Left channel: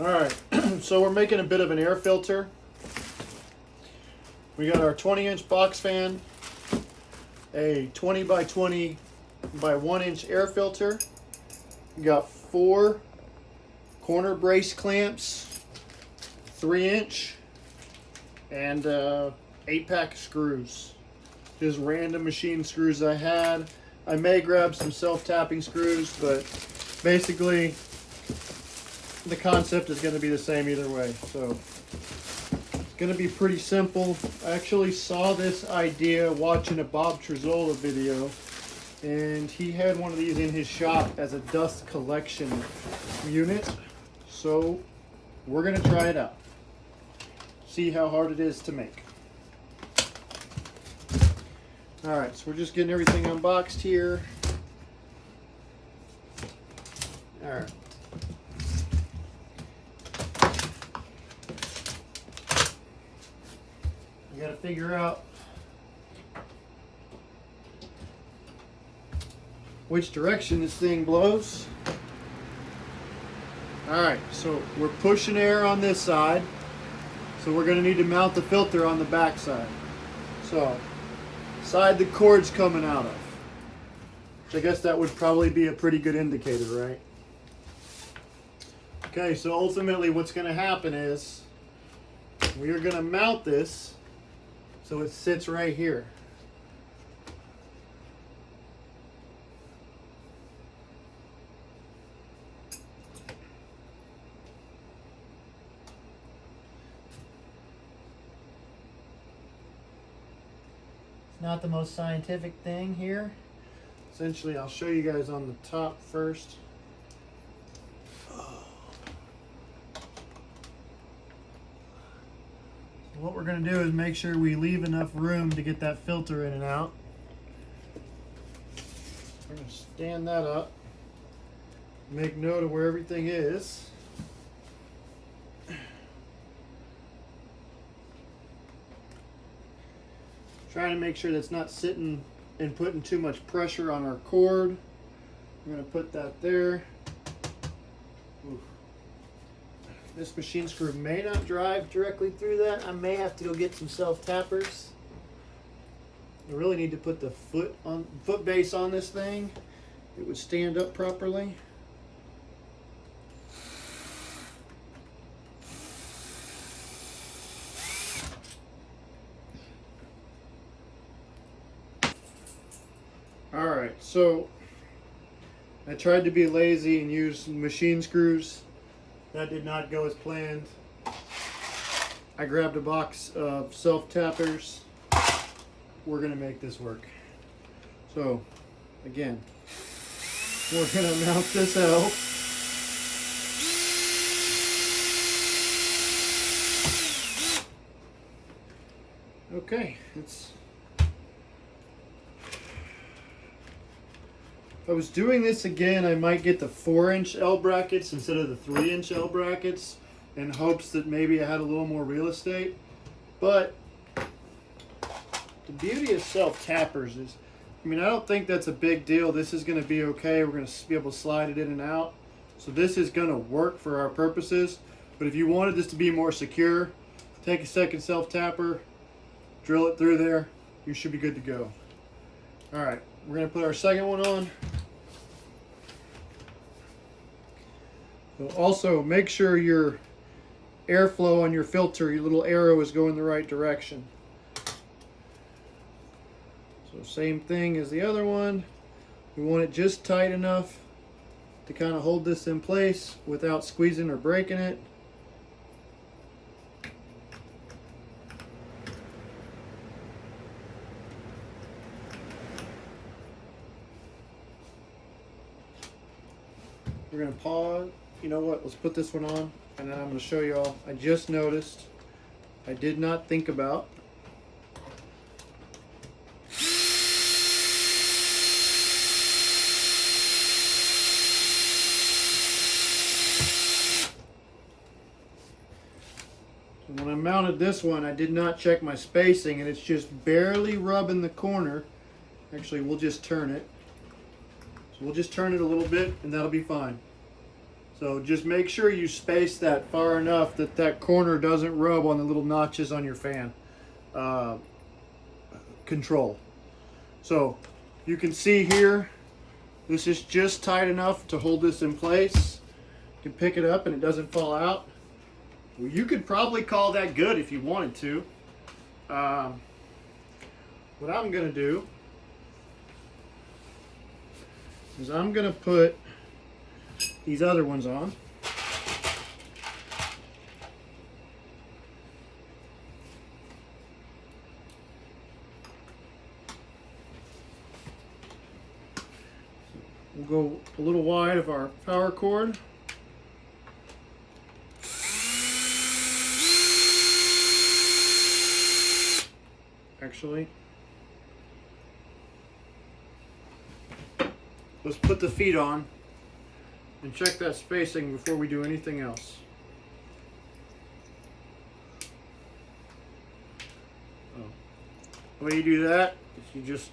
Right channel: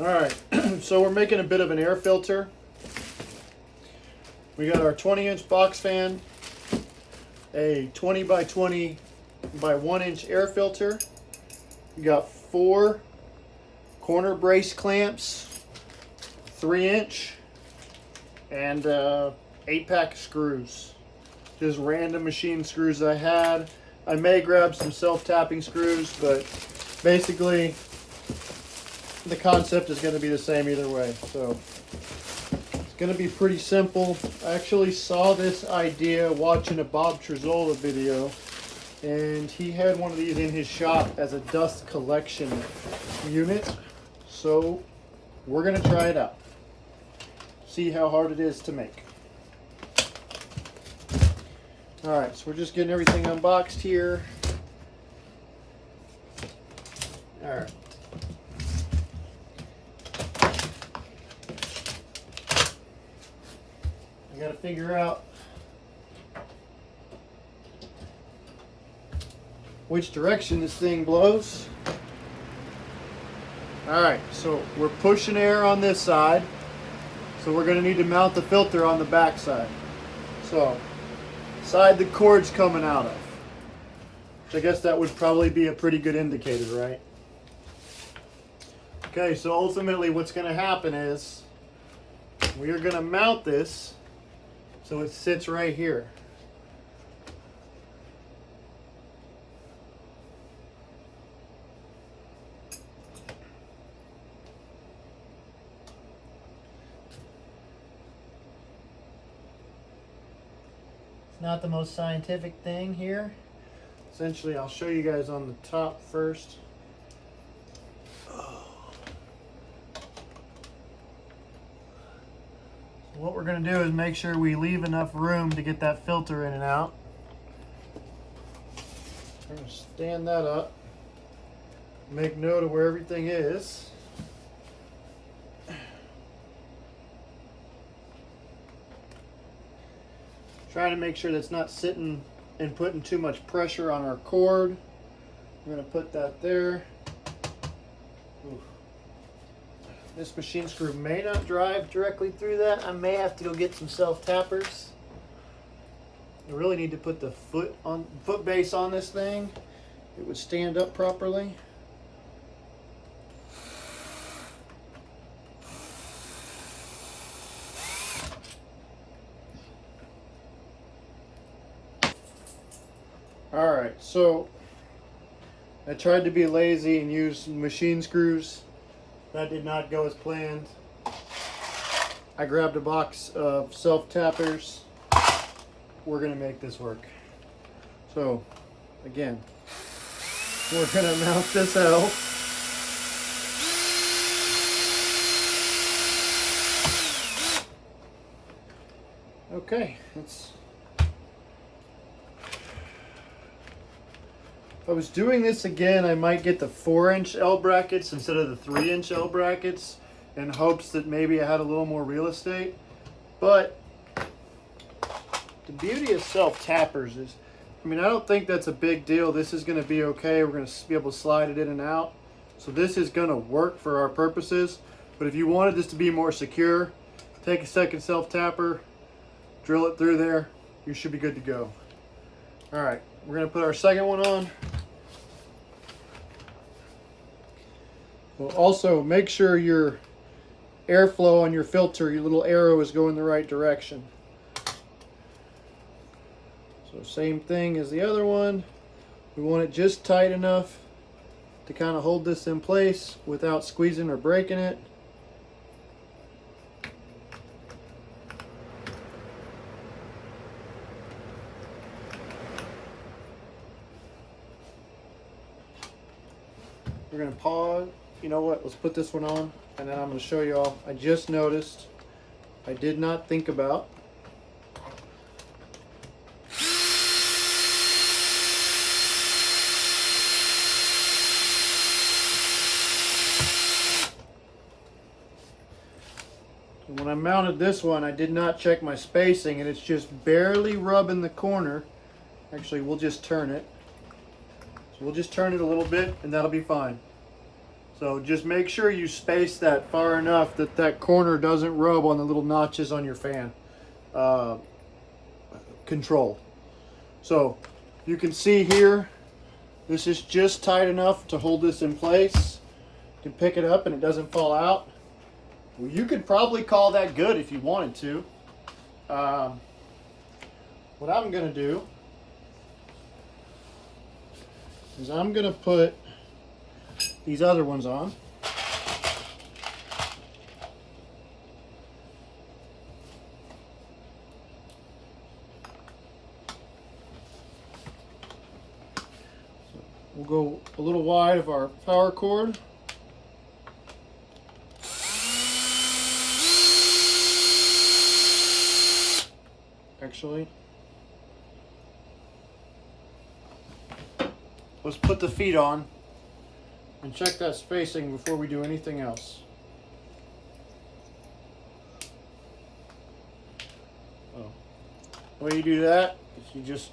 All right, so we're making a bit of an air filter. We got our 20-inch box fan, a 20 by 20 by 1-inch air filter. We got 4 corner brace clamps, 3-inch, and 8-pack screws. Just random machine screws I had. I may grab some self-tapping screws, but basically the concept is going to be the same either way. So it's going to be pretty simple. I actually saw this idea watching a Bob Trezola video, and he had one of these in his shop as a dust collection unit. So we're going to try it out. See how hard it is to make. All right, so we're just getting everything unboxed here. All right. I gotta figure out which direction this thing blows. All right, so we're pushing air on this side. So we're gonna need to mount the filter on the back side. So, side the cord's coming out of. So I guess that would probably be a pretty good indicator, right? Okay, so ultimately what's gonna happen is we are gonna mount this so it sits right here. Not the most scientific thing here. Essentially, I'll show you guys on the top first. What we're going to do is make sure we leave enough room to get that filter in and out. We're going to stand that up. Make note of where everything is. Trying to make sure that's not sitting and putting too much pressure on our cord. We're going to put that there. Oof. This machine screw may not drive directly through that. I may have to go get some self-tappers. I really need to put the foot base on this thing. It would stand up properly. Alright, so I tried to be lazy and use machine screws. That did not go as planned. I grabbed a box of self-tappers. We're going to make this work. So, again, we're going to mount this out. Okay, if I was doing this again, I might get the 4-inch L brackets instead of the 3-inch L brackets in hopes that maybe I had a little more real estate. But the beauty of self-tappers is, I mean, I don't think that's a big deal. This is going to be okay. We're going to be able to slide it in and out. So this is going to work for our purposes. But if you wanted this to be more secure, take a second self-tapper, drill it through there. You should be good to go. All right, we're going to put our second one on. So also, make sure your airflow on your filter, your little arrow is going the right direction. So same thing as the other one. We want it just tight enough to kind of hold this in place without squeezing or breaking it. We're going to pause. You know what? Let's put this one on, and then I'm going to show you all. I just noticed I did not think about when I mounted this one, I did not check my spacing, and it's just barely rubbing the corner. Actually, we'll just turn it. So we'll just turn it a little bit, and that'll be fine. So just make sure you space that far enough that that corner doesn't rub on the little notches on your fan control. So you can see here, this is just tight enough to hold this in place. You can pick it up and it doesn't fall out. Well, you could probably call that good if you wanted to. What I'm going to do is I'm going to put these other ones on. We'll go a little wide of our power cord. Actually, let's put the feet on and check that spacing before we do anything else. The way you do that is you just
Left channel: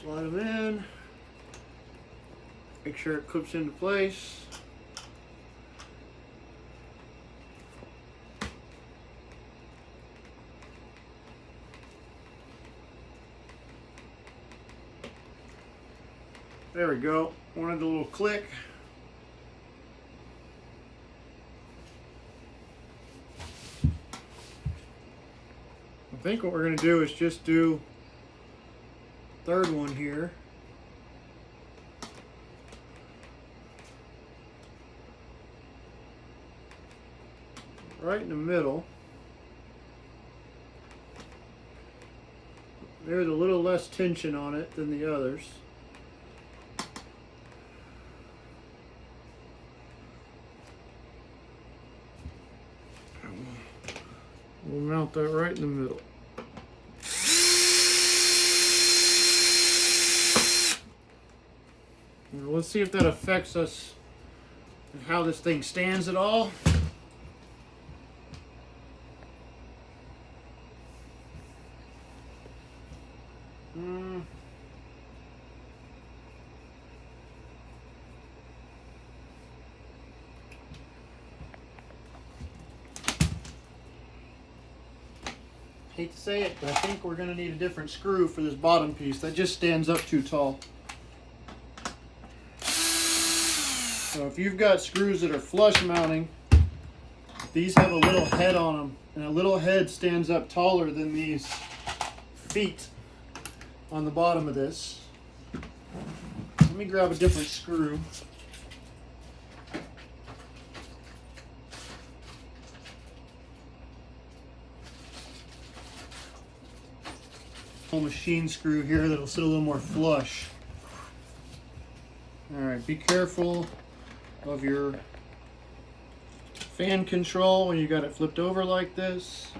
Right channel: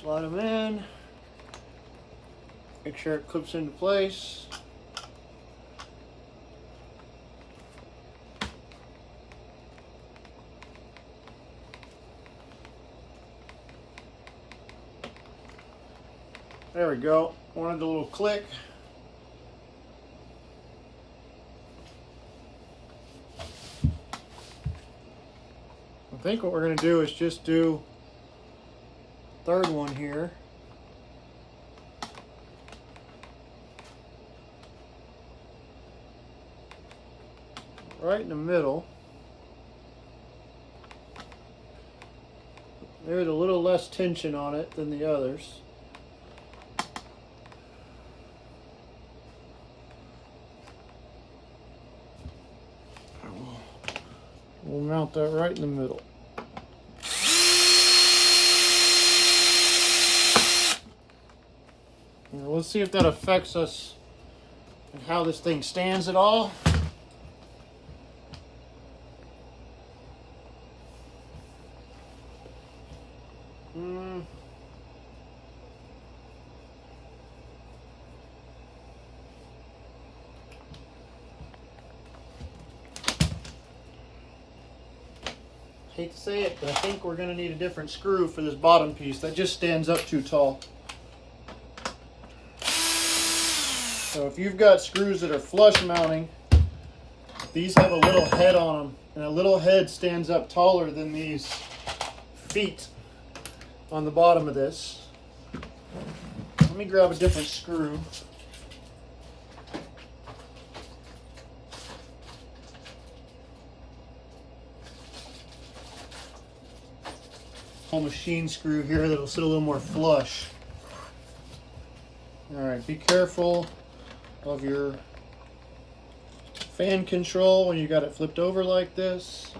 slide them in, make sure it clips into place. There we go. Wanted a little click. I think what we're going to do is just do third one here. Right in the middle. There's a little less tension on it than the others. We'll mount that right in the middle. Now let's see if that affects us and how this thing stands at all. Hate to say it, but I think we're going to need a different screw for this bottom piece. That just stands up too tall. So if you've got screws that are flush mounting, these have a little head on them, and a little head stands up taller than these feet on the bottom of this. Let me grab a different screw. Machine screw here that'll sit a little more flush. All right, be careful of your fan control when you got it flipped over like this.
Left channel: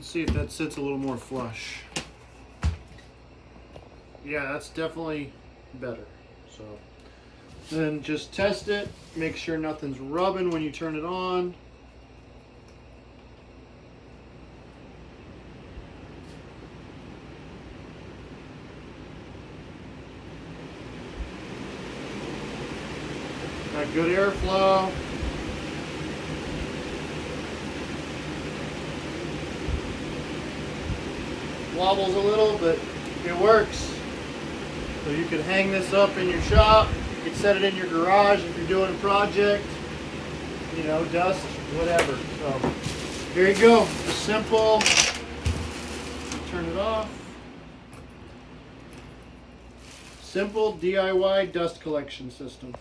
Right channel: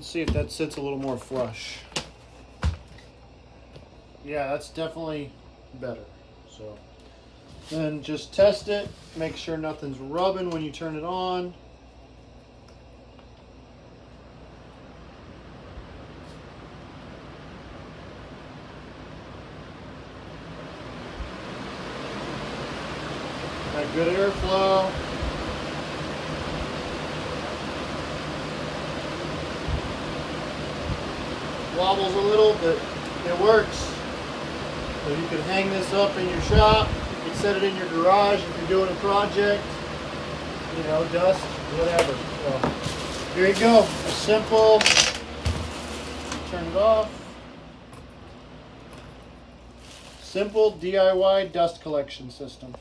See if that sits a little more flush. Yeah, that's definitely better. So then just test it, make sure nothing's rubbing when you turn it on. Got good airflow. Wobbles a little, but it works. So you can hang this up in your shop, you can set it in your garage if you're doing a project, you know, dust, whatever. So here you go, a simple, turn it off, simple DIY dust collection system.